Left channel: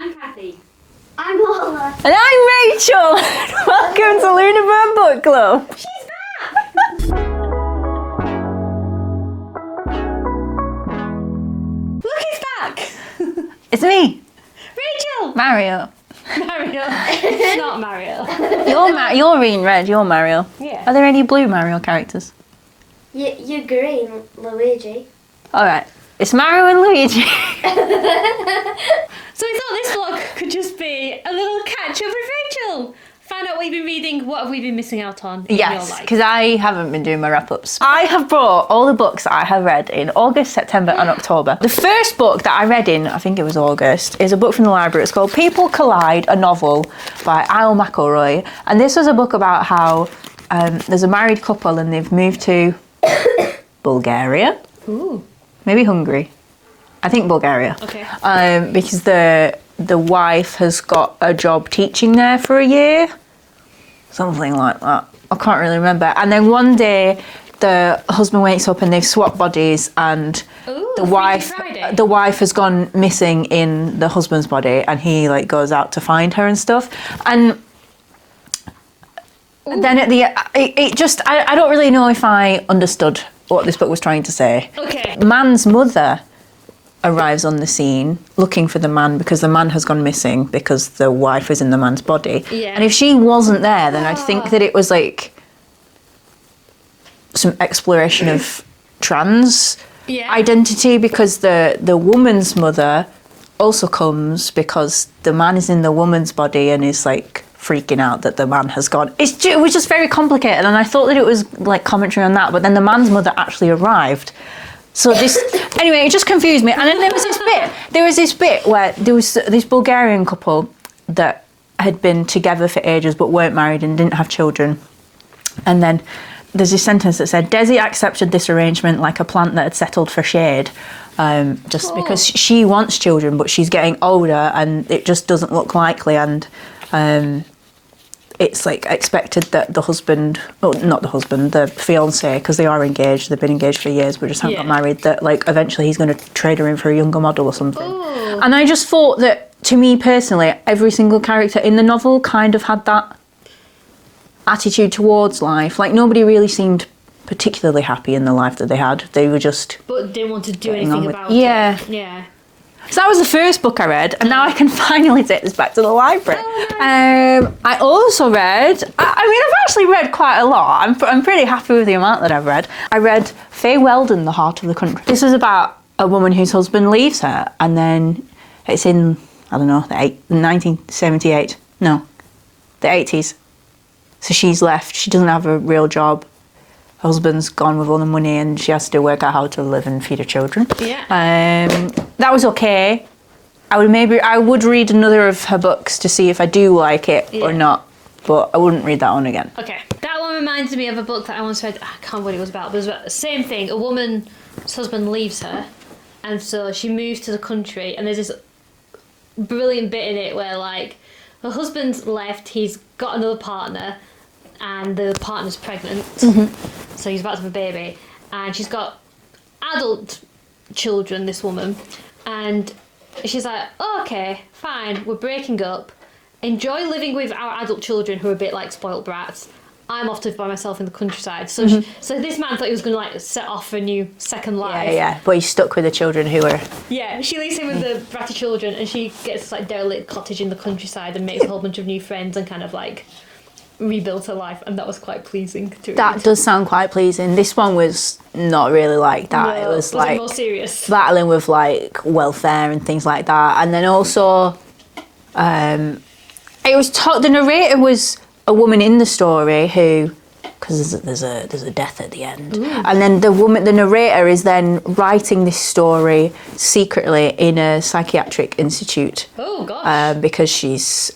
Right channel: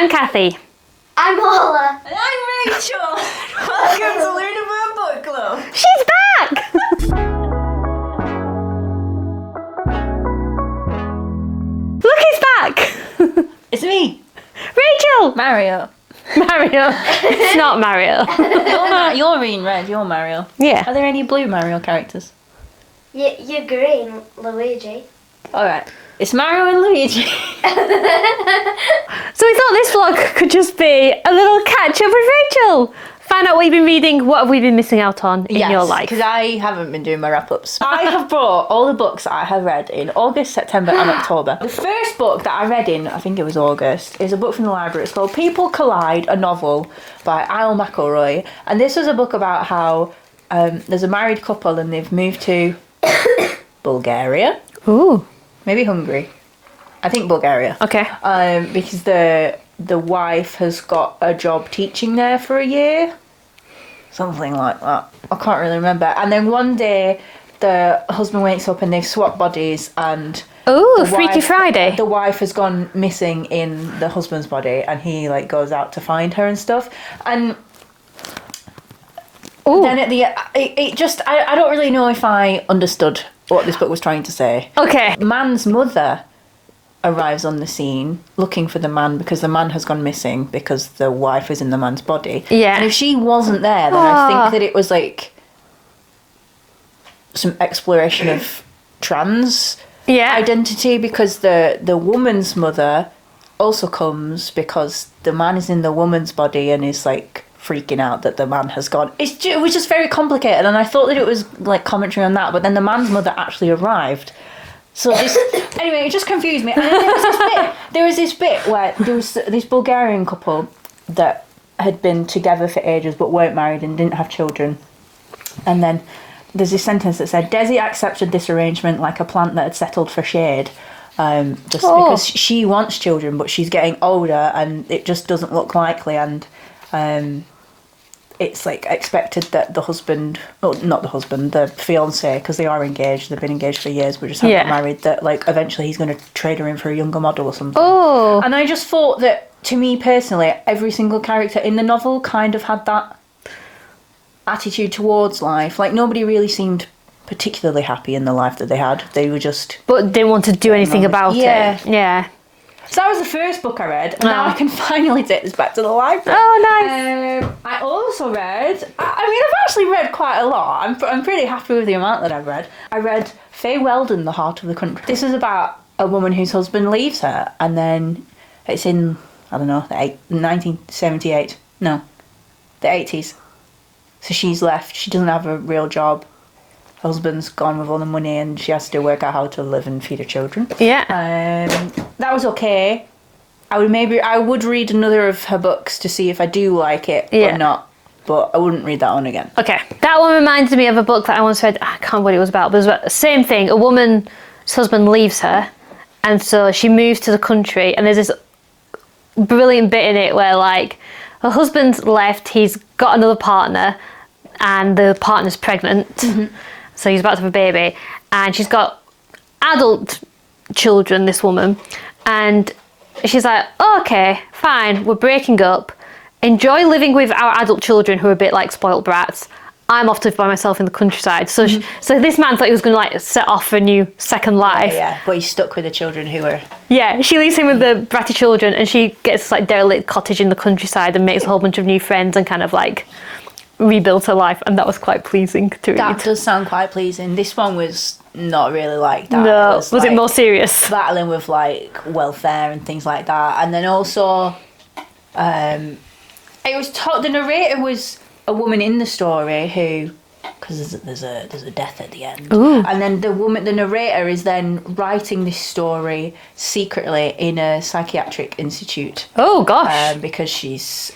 I'm Cathy. I'm Lola. And I'm Rachel. Welcome to Lunabird Book Club. She's back! Look, he's back! It's me, Rachel! Mario. Mario. It's not Mario. You're in red, you're Mario. Yeah. Are there any blue Mario characters? You're green, Luigi. Alright. It's Mario and Luigi. So we thought this vlog could just be a little catch up with Rachel. Find out what you've been reading, what have we been missing out on in your life. because I haven't been doing my wrap-ups. I have brought all the books that I have read in August, September and October. The first book that I read in, I think it was August, is a book from the library. It's called People Collide, a novel by Isle McElroy. And this was a book about how there's a married couple and they've moved to Bulgaria. Ooh. Maybe Hungary. I think Bulgaria. Okay. Because the wife has got a job teaching there for a year. Something like that. I can't really remember. And then one day the husband wakes up and they've swapped bodies and Ooh, Freaky Friday. The wife has gone missing in the husband's body and he like goes out to find her and stuff. And then at the it just I don't really know if I understood what this book was trying to say. Okay. Man's mother arrives on the scene looking for the man because the man has gone missing because the wife is in the man's body. Yeah. And if she wasn't there, then I think that it was like some exploration of trans identity because the woman's mother also comes because the man is in the woman's body and is like freaking out that the man has gone. It was just very complicated and I thought that it was like commentary on that, but then the man's mother actually arrived. So anyway, it just confused me. And then there was this bit where there was this Bulgarian couple that had been together for ages but weren't married and didn't have children. And then there's this sentence that said, Desi accepted this arrangement like a plant that had settled for shade. Because she wants children, but she's getting older and it just doesn't look likely. And it's like expected that the husband, not the husband, the fiance, because they are engaged, they've been engaged for years, but just haven't got married, that like eventually he's going to trade her in for a younger model or something. Oh. And I just thought that, to me personally, every single character in the novel kind of had that attitude towards life. Like nobody really seemed particularly happy in the life that they had. They were just... But didn't want to do anything about it. Yeah. So that was the first book I read, and now I can finally take this back to the library. Oh, nice. I also read, I've actually read quite a lot. I'm pretty happy with the amount that I've read. I read Faye Weldon, The Heart of the Country. This is about a woman whose husband leaves her, and then it's in, I don't know, 1978. No, the 80s. So she's left, she doesn't have a real job. Her husband's gone with all the money and she has to work out how to live and feed her children. Yeah. That was okay. I would read another of her books to see if I do like it or not, but I wouldn't read that one again. Okay. That one reminds me of a book that I once read. I can't remember what it was about, but it was about the same thing. A woman's husband leaves her, and so she moves to the country, and there's this brilliant bit in it where like her husband's left, he's got another partner, and the partner's pregnant. Mm-hmm. So he's about to have a baby, and she's got adult children, this woman, and she's like, oh, okay, fine, we're breaking up. Enjoy living with our adult children who are a bit like spoilt brats. I'm off to live by myself in the countryside. So so this man thought he was going to like set off a new second life. Yeah, but he's stuck with the children who are... Yeah, she leaves him with the bratty children, and she gets this like derelict cottage in the countryside and makes a whole bunch of new friends and kind of like rebuilt her life, and that was quite pleasing to read. That does sound quite pleasing. This one was not really like that. No, was like it more serious? Battling with like welfare and things like that, and then also, it was the narrator was a woman in the story who, because there's a death at the end. Ooh. And then the narrator is then writing this story secretly in a psychiatric institute. Oh gosh! Because she's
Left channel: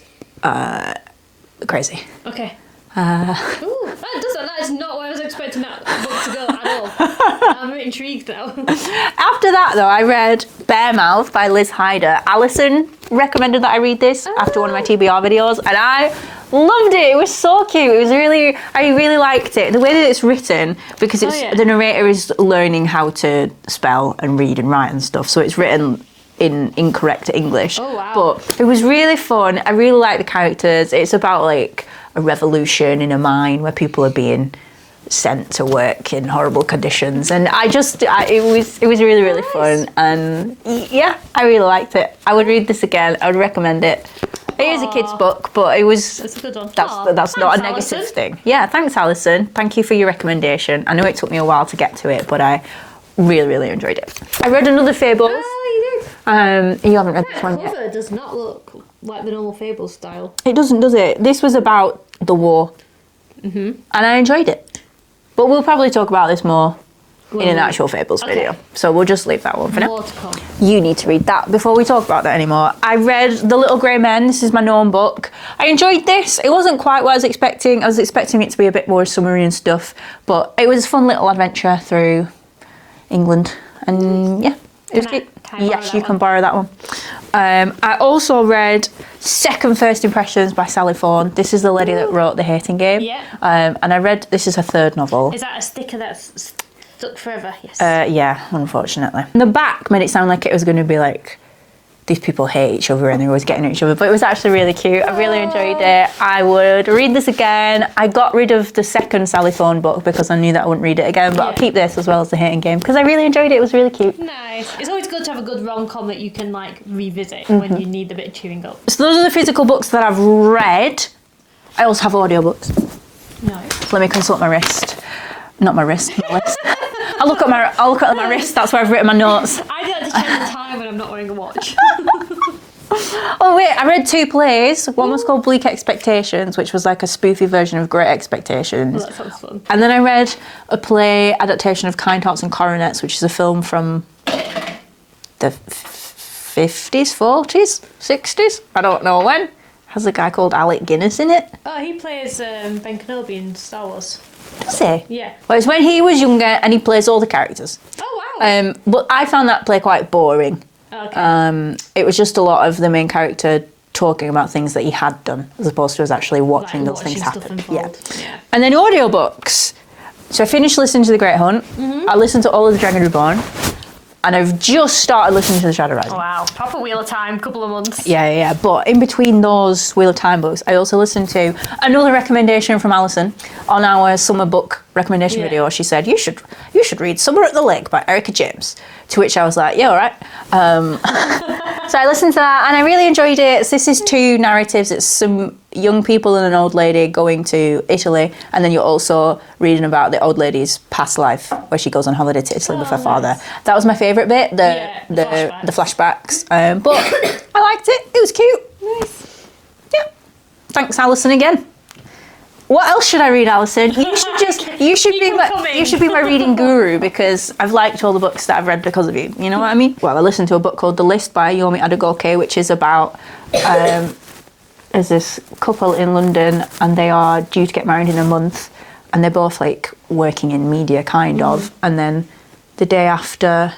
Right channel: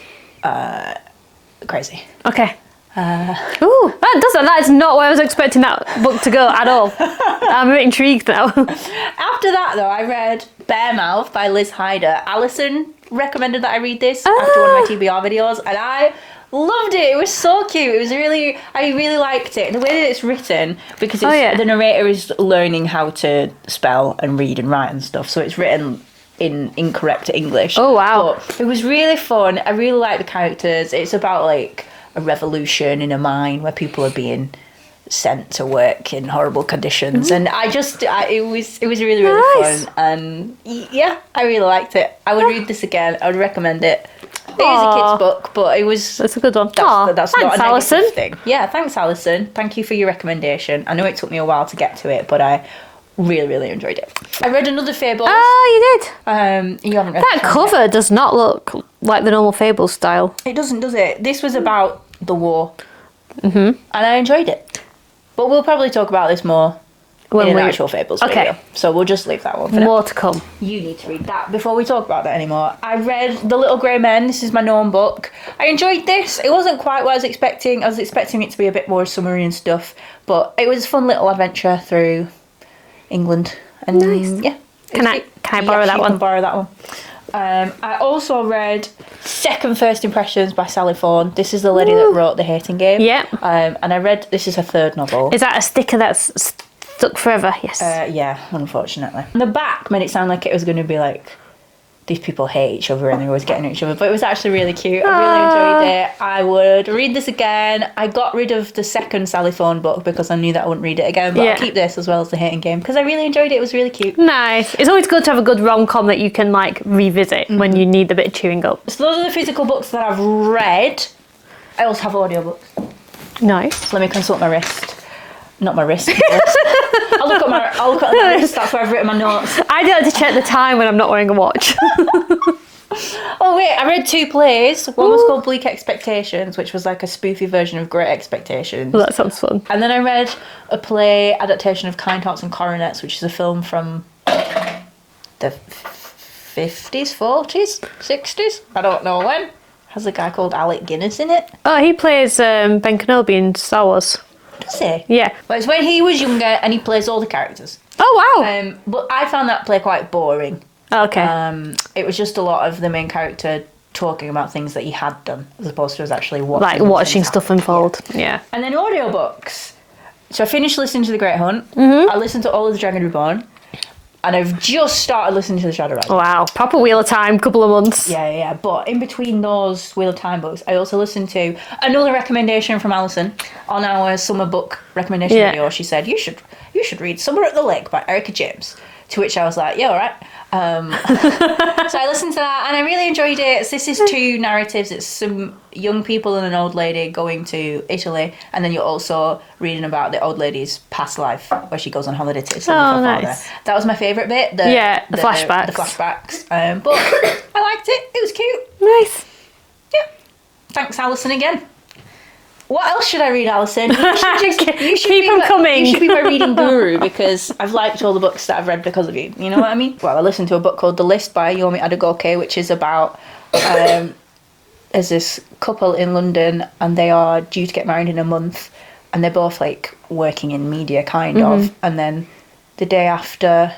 crazy. Okay. That is not where I was expecting that book to go at all. I'm a bit intrigued now. After that, though, I read Bear Mouth by Liz Hyder. Alison recommended that I read this after one of my TBR videos, and I loved it. It was so cute. It was I really liked it. The way that it's written, because the narrator is learning how to spell and read and write and stuff, so it's written in incorrect English. Oh, wow. But it was really fun. I really like the characters. It's about like a revolution in a mine where people are being sent to work in horrible conditions, and it was really Nice. fun, and yeah, I really liked it. I would read this again. I would recommend it. It is a kid's book, but it was That's a good one. that's not a negative Alison. thing. Yeah, thanks, Alison. Thank you for your recommendation. I know it took me a while to get to it, but I really enjoyed it. I read another Fables. Oh, you did. You haven't read That this one yet. cover does not look like the normal Fable style. It doesn't, does it? This was about the war, and I enjoyed it. But we'll probably talk about this more in an actual Fables video. So we'll just leave that one for now. More to come. You need to read that before we talk about that anymore. I read The Little Grey Men. This is my known book. I enjoyed this. It wasn't quite what I was expecting. I was expecting it to be a bit more summery and stuff, but it was a fun little adventure through England. And yeah. Can I borrow that you one? can borrow that one. I also read Second First Impressions by Sally Fawn. This is the lady that wrote The Hating Game. Yeah. And I read, this is her third novel. Is that a sticker that's stuck forever? Yes. Yeah, unfortunately. The back made it sound like it was going to be like, these people hate each other and they're always getting at each other, but it was actually really cute. I really enjoyed it. I would read this again. I got rid of the second Sally Fawn book because I knew that I wouldn't read it again, but I'll keep this as well as The Hating Game because I really enjoyed it. It was really cute. Nice. It's always good to have a good rom-com that you can like revisit when you need a bit of chewing up. So those are the physical books that I've read. I also have audiobooks. Nice. Let me consult my wrist. Not my wrist. I'll look at my wrist. That's where I've written my notes. I don't have to check the time when I'm not wearing a watch. Oh wait, I read 2 plays. One was called Bleak Expectations, which was like a spoofy version of Great Expectations. Well, that sounds fun. And then I read a play adaptation of Kind Hearts and Coronets, which is a film from the 50s, 40s, 60s. I don't know when. Has a guy called Alec Guinness in it. Oh, he plays Ben Kenobi in Star Wars. Does he? Yeah. Well, it's when he was younger and he plays all the characters. Oh, wow. But I found that play quite boring. Okay. It was just a lot of the main character talking about things that he had done, as opposed to us actually watching. Like those watching things stuff happen. unfold. Yeah. And then audiobooks. So I finished listening to The Great Hunt. I listened to all of The Dragon Reborn. And I've just started listening to The Shadow Rising. Wow. Proper Wheel of Time, couple of months. Yeah. But in between those Wheel of Time books, I also listened to another recommendation from Alison on our summer book recommendation video. She said, you should read Summer at the Lake by Erica James. To which I was like, yeah, all right. So I listened to that and I really enjoyed it. This is 2 narratives. It's some young people and an old lady going to Italy, and then you're also reading about the old lady's past life where she goes on holiday to Italy with her father. That was my favourite bit. The flashbacks. The flashbacks. But I liked it. It was cute. Nice. Yeah. Thanks, Alison, again. What else should I read, Alison? You should Keep them coming. You should be my reading guru because I've liked all the books that I've read because of you. You know what I mean? Well, I listened to a book called The List by Yomi Adegoke, which is about there's this couple in London and they are due to get married in a month, and they're both like working in media kind of, and then the day after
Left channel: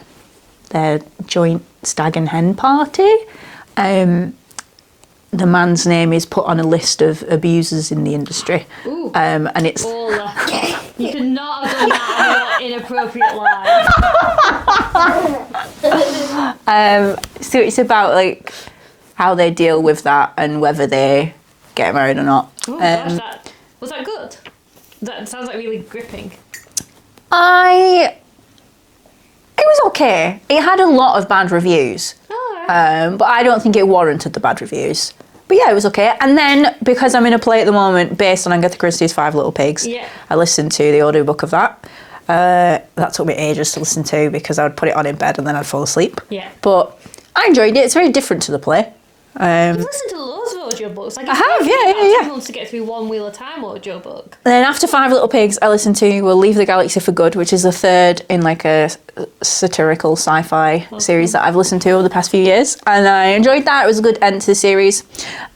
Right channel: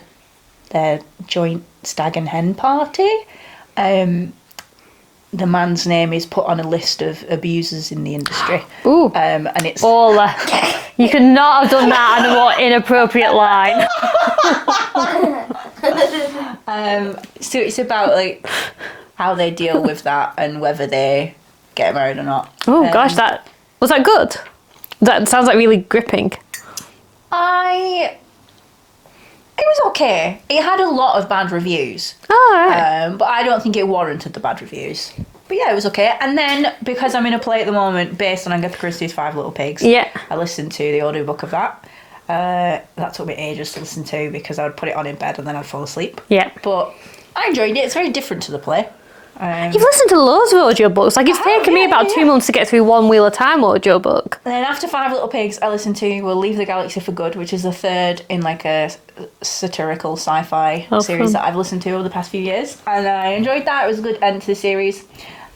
their joint stag and hen party, the man's name is put on a list of abusers in the industry. Ooh. And it's... You could not have done that in a more inappropriate line. So it's about like how they deal with that and whether they get married or not. Oh gosh, was that good? That sounds like really gripping. It was okay. It had a lot of bad reviews. Oh, right. But I don't think it warranted the bad reviews. But yeah, it was okay. And then, because I'm in a play at the moment based on Agatha Christie's 5 Little Pigs, I listened to the audiobook of that. That took me ages to listen to because I would put it on in bed and then I'd fall asleep. Yeah. But I enjoyed it. It's very different to the play. You've listened to loads of audiobooks. Like, it's taken me about 2 months to get through one Wheel of Time audiobook. Then after 5 Little Pigs, I listened to We'll Leave the Galaxy for Good, which is the 3rd in like a satirical sci-fi series that I've listened to over the past few years. And I enjoyed that. It was a good end to the series.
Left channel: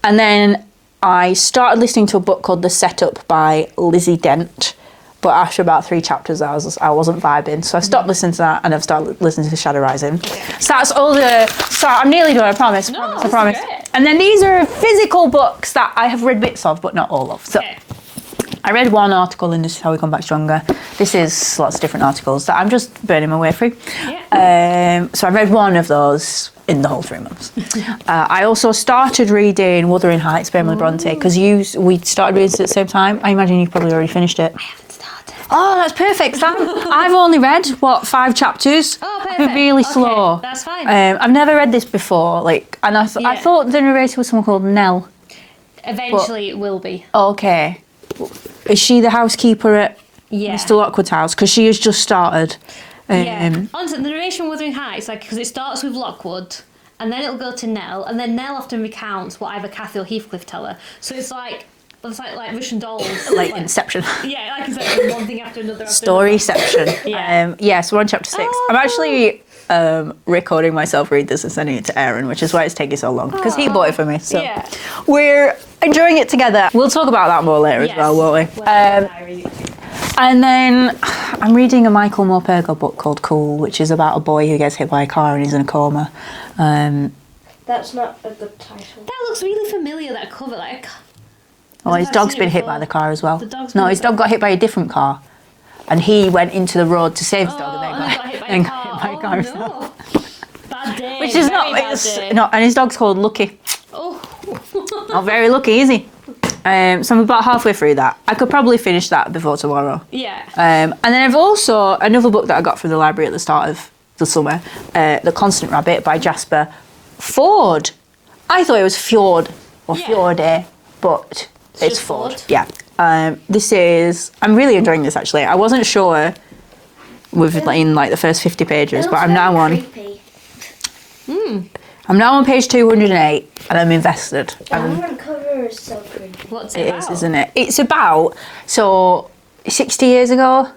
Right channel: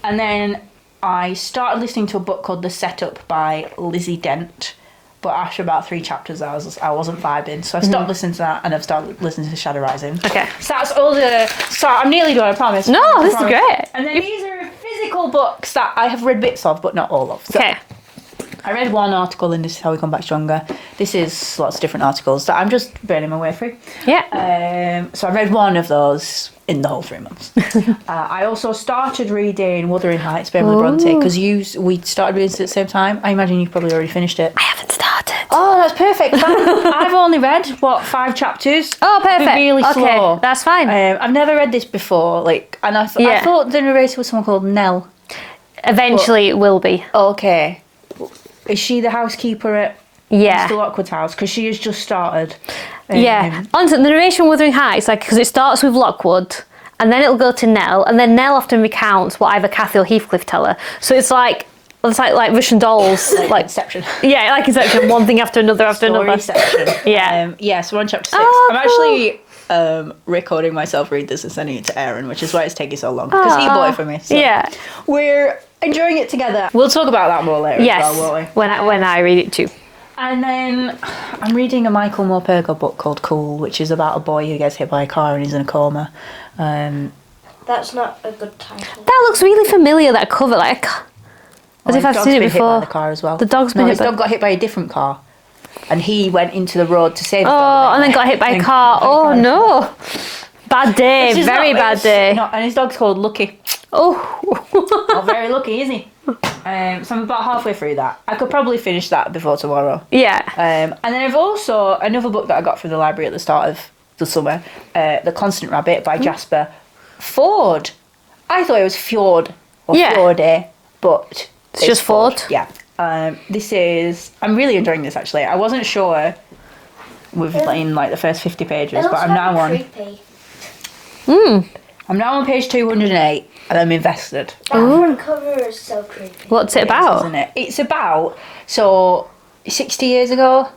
And then I started listening to a book called The Setup by Lizzie Dent. But after about 3 chapters, I wasn't vibing. So I stopped listening to that and I've started listening to Shadow Rising. Okay. So that's all I'm nearly done, I promise. No, this is great. And then these are physical books that I have read bits of, but not all of. So I I read one article in This Is How We Come Back Stronger. This is lots of different articles that I'm just burning my way through. Yeah. So I read one of those in the whole 3 months. I also started reading Wuthering Heights by Emily Bronte because we started reading it at the same time. I imagine you've probably already finished it. I haven't started. Oh, that's perfect. I've only read, 5 chapters? Oh, perfect. Really okay, slow. that's fine. I've never read this before, and I thought the narrator was someone called Nell. Eventually it will be. Okay. Is she the housekeeper at Mr. Lockwood's house? Because she has just started. Yeah. Honestly, the narration of Wuthering Heights, because it starts with Lockwood, and then it'll go to Nell, and then Nell often recounts what either Cathy or Heathcliff tell her. So it's like Russian dolls. like Inception. Yeah, like Inception, one thing after another after another. Storyception. Yeah. So we're on chapter 6. Oh, I'm actually recording myself read this and sending it to Aaron, which is why it's taking so long, because he bought it for me. So we're enjoying it together. We'll talk about that more later as well, won't we? When I read it too. And then I'm reading a Michael Morpurgo book called Cool, which is about a boy who gets hit by a car and he's in a coma. That's not a good title. That looks really familiar, that cover. His dog's been hit by the car as well. The dog's been his dog got hit by a different car. And he went into the road to save his dog. Oh, and then got hit by a car. Oh, no. Bad day. Very bad day. No, and his dog's called Lucky. Oh. Not very lucky, is he? So I'm about halfway through that. I could probably finish that before tomorrow. Yeah. And then I've also, another book that I got from the library at the start of the summer, The Constant Rabbit by Jasper Ford. I thought it was Fjord or Fjorde, but it's just Ford. Yeah. This is, I'm really enjoying this actually. I wasn't sure in the first 50 pages, but I'm now on. Creepy. I'm now on page 208 and I'm invested. The cover is so creepy. What's it about? Isn't it? It's about, 60 years ago,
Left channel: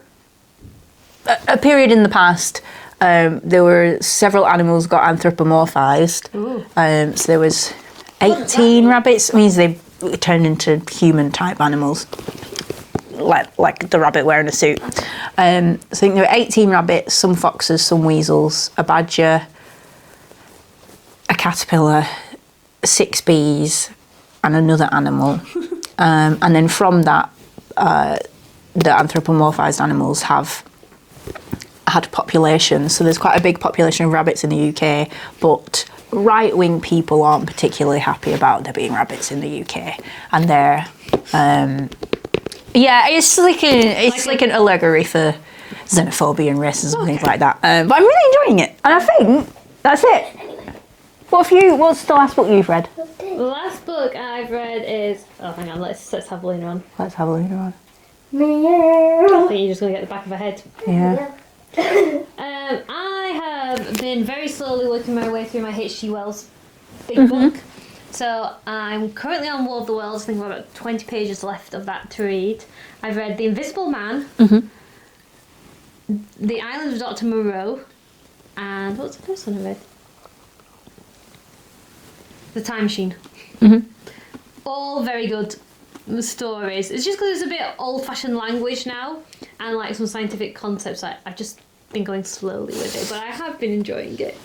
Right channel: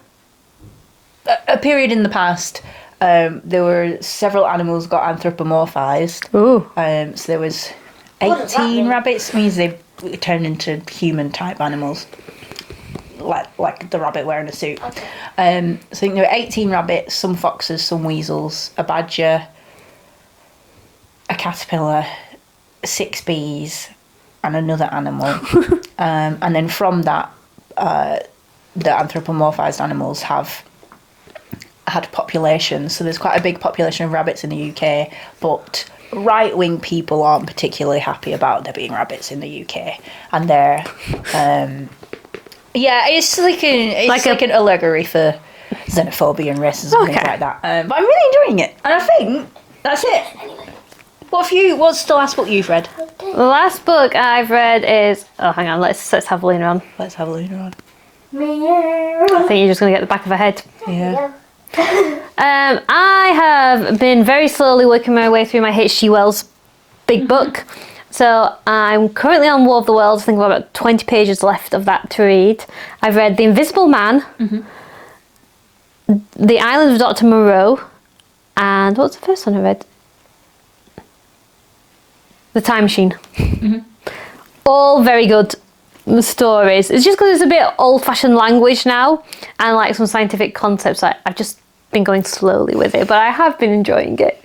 a period in the past, there were several animals got anthropomorphized. Oh. So there was 18 rabbits. It means they turned into human type animals. Like the rabbit wearing a suit. Okay. So I think there were 18 rabbits, some foxes, some weasels, a badger, a caterpillar, 6 bees, and another animal. And then from that, the anthropomorphized animals have had populations. So there's quite a big population of rabbits in the UK, but right-wing people aren't particularly happy about there being rabbits in the UK. And they're... it's like an allegory for xenophobia and racism and things like that. But I'm really enjoying it. And I think that's it. What's the last book you've read? The last book I've read is... Oh, hang on. Let's have Lena on. Let's have a look around. I think you're just going to get the back of her head. Yeah. I have been very slowly working my way through my H.G. Wells big book. So I'm currently on War of the Worlds. I think I've got about 20 pages left of that to read. I've read The Invisible Man, The Island of Dr. Moreau, and what's the first one I read? The Time Machine. All very good stories. It's just because it's a bit old-fashioned language now, and some scientific concepts. I've just been going slowly with it, but I have been enjoying it.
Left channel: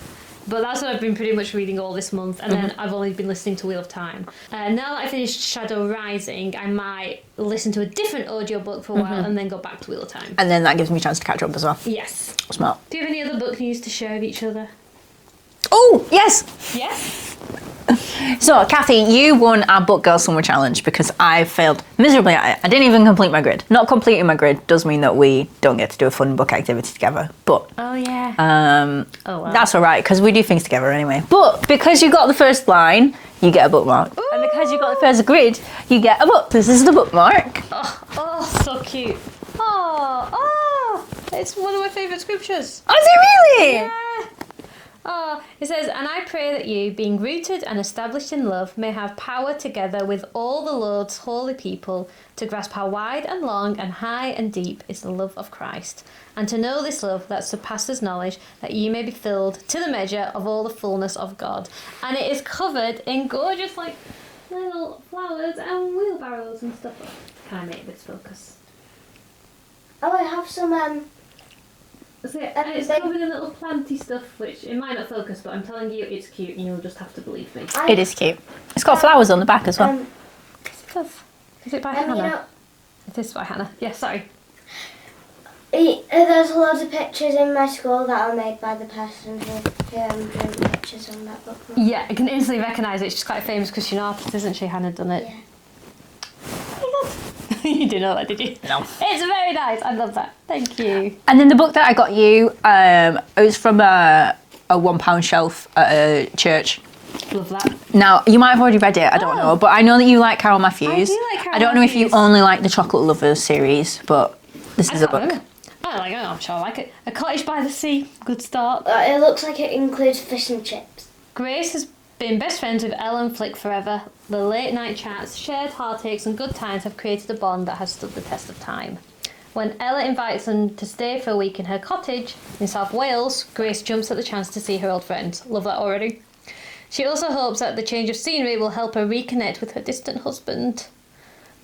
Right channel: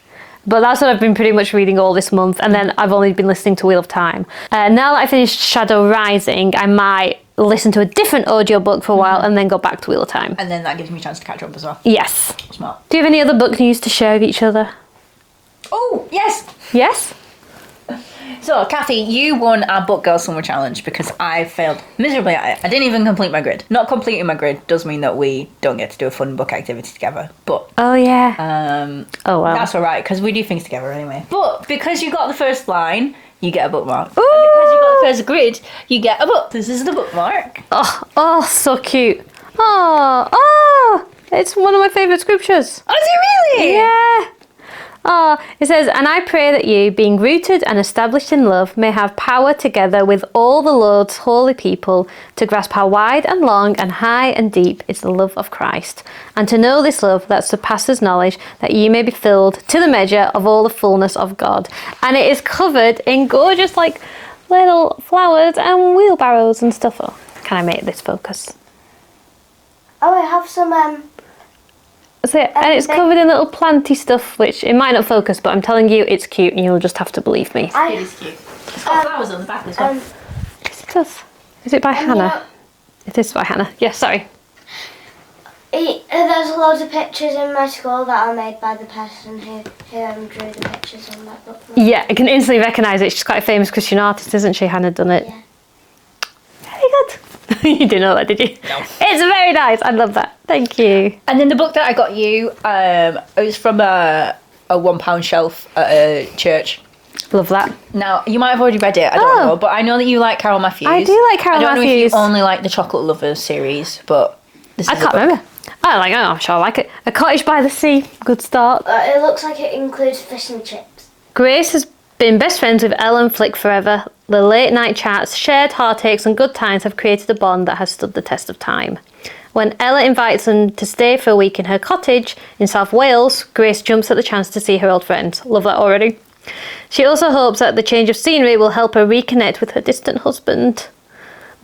But that's what I've been pretty much reading all this month, and then I've only been listening to Wheel of Time. Now that I finished Shadow Rising, I might listen to a different audiobook for a while and then go back to Wheel of Time. And then that gives me a chance to catch up as well. Yes. Smart. Do you have any other book news to share with each other? Oh, yes! Yes? So, Cathy, you won our Book Girl Summer Challenge because I failed miserably at it. I didn't even complete my grid. Not completing my grid does mean that we don't get to do a fun book activity together. But oh yeah. Oh wow. That's all right because we do things together anyway. But because you got the first line, you get a bookmark. Ooh. And because you got the first grid, you get a book. This is the bookmark. Oh, so cute. Oh, it's one of my favourite scriptures. Is it really? Yeah. Oh, it says, and I pray that you, being rooted and established in love, may have power together with all the Lord's holy people to grasp how wide and long and high and deep is the love of Christ, and to know this love that surpasses knowledge, that you may be filled to the measure of all the fullness of God. And it is covered in gorgeous, little flowers and wheelbarrows and stuff. Oh, can I make this focus? Oh, I have some That's it. And it's covered in little planty stuff, which it might not focus, but I'm telling you, it's cute, and you'll just have to believe me. It is cute. It's got flowers on the back as well. Yes, it does. Is it by Hannah? It is by Hannah. Yeah, sorry. There's loads of pictures in my school that are made by the person who drew the pictures on that book. Yeah, I can instantly recognise it. She's quite a famous Christian artist, isn't she? Hannah done it. Yeah. Very good. You didn't know that, did you? No. It's very nice. I love that. Thank you. And then the book that I got you, it was from a £1 shelf at a church. Love that. Now, you might have already read it, I don't know, but I know that you like Carol Matthews. I do like Carol Matthews. I don't know if Matthews. you only like the Chocolate Lovers series, but this I is a can't book. remember. I'm sure I like it. A Cottage by the Sea. Good start. It looks like it includes fish and chips. Grace has been best friends with Ellen Flick forever. The late night chats, shared heartaches and good times have created a bond that has stood the test of time. When Ella invites them to stay for a week in her cottage in South Wales, Grace jumps at the chance to see her old friends. Love that already. She also hopes that the change of scenery will help her reconnect with her distant husband.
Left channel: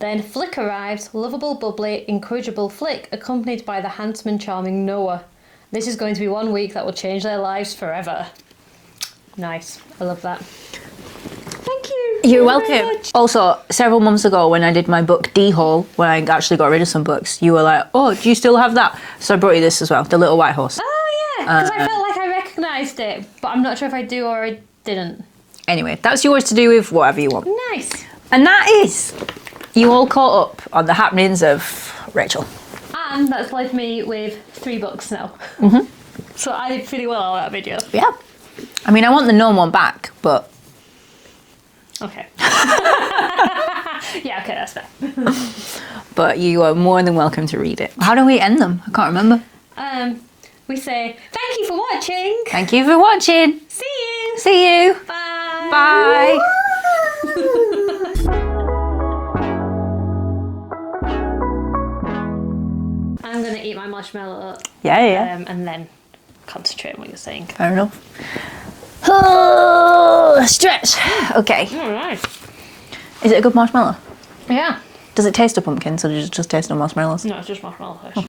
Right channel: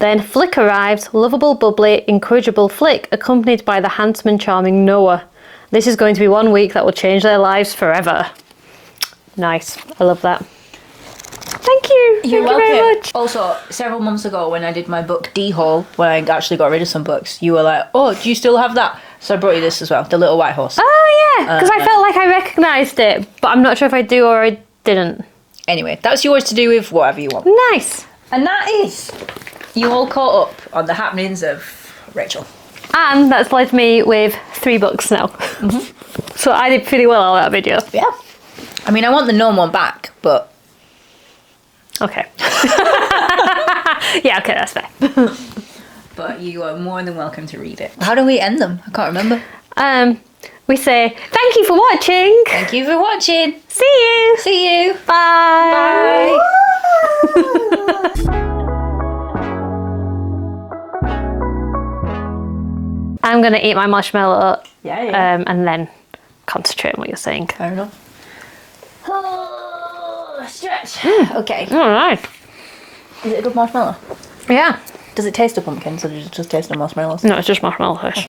Then Flick arrives, lovable, bubbly, incorrigible Flick, accompanied by the handsome and charming Noah. This is going to be 1 week that will change their lives forever. Nice. I love that. Thank you. You're Thank welcome. you very much. Also, several months ago when I did my book D-Haul, when I actually got rid of some books, you were like, oh, do you still have that? So I brought you this as well, The Little White Horse. Oh, yeah. Because I felt like I recognised it, but I'm not sure if I do or I didn't. Anyway, that's yours to do with whatever you want. Nice. And that is you all caught up on the happenings of Rachel. And that's left me with 3 books now. So I did pretty well on that video. Yeah. I mean, I want the gnome one back, but... Okay. Yeah, okay, that's fair. But you are more than welcome to read it. How do we end them? I can't remember. We say, thank you for watching. Thank you for watching. See you. See you. Bye. Bye. I'm going to eat my marshmallow Yeah. and then concentrate on what you're saying. Fair enough. Oh, stretch. Okay. All right. Is it a good marshmallow? Yeah. Does it taste of pumpkins or does it just taste of marshmallows? No, it's just marshmallow fish.